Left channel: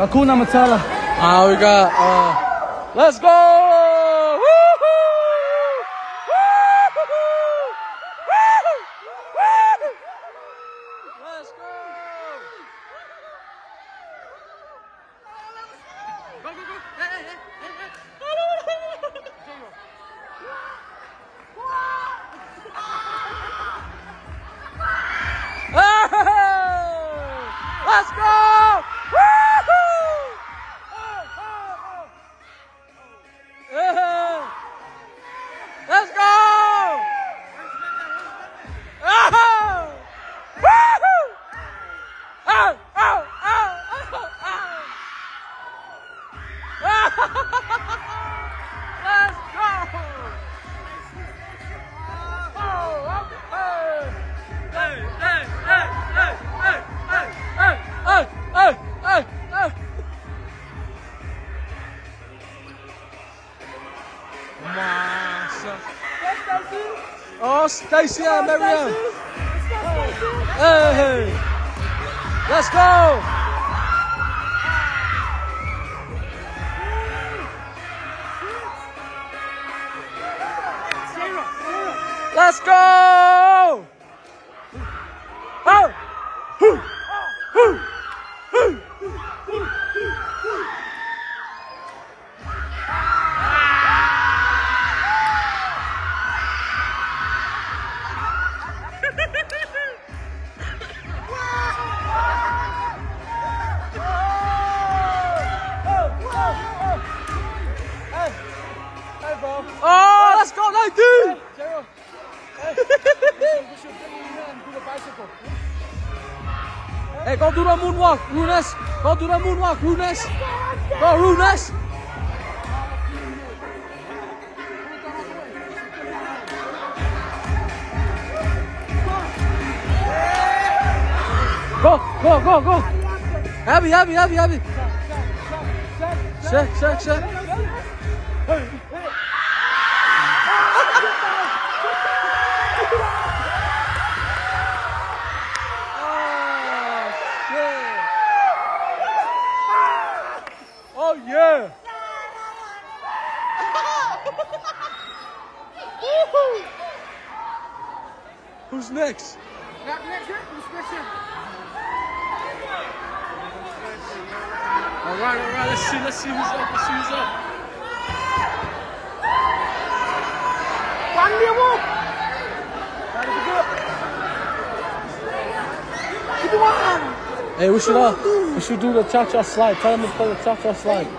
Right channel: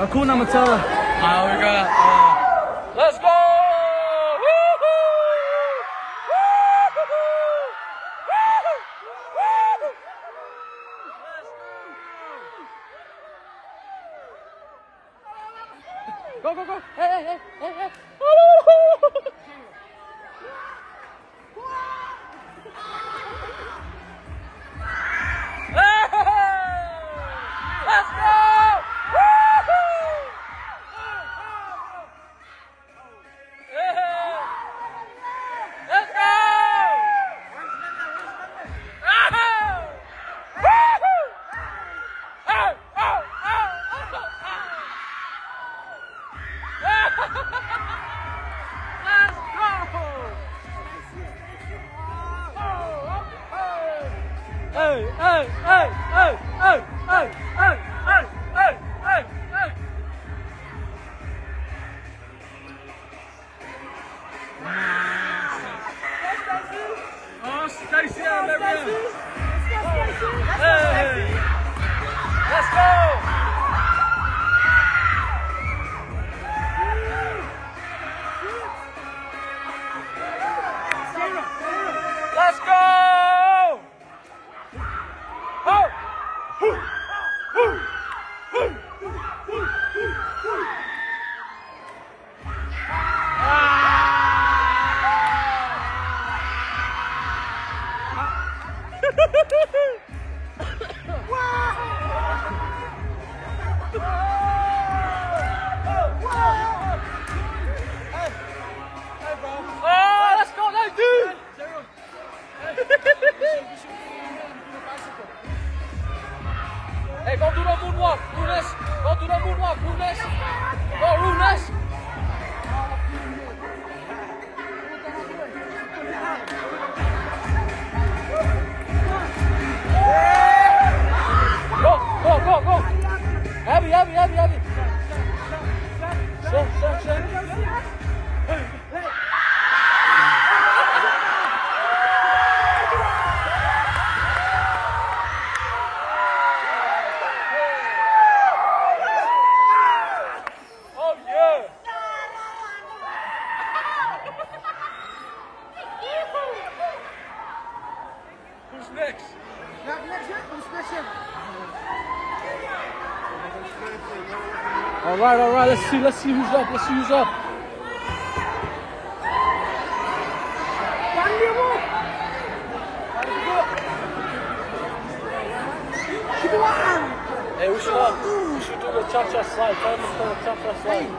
Hakuna Matata. We got, let's go! Let's go! Go, go, go! Hey, hey, hey, hey, hey! Let's go! Let's go! Let's go! Hey, hey, hey, hey, hey, hey, hey, hey, hey, hey, hey. Oh, Stacy and Marianne. Hey, let's go. Let's go. Oh, let's go, like dude! Hey, go do the moonwalk, Runes. Go do the moonwalk, Runes. Go, Runes. Go, go, go, go. Happy. Check. Oh yeah. Who's next? All right. Let's see who's up. Hey, we should do the cha-cha slide. Tell them to play the cha-cha slide.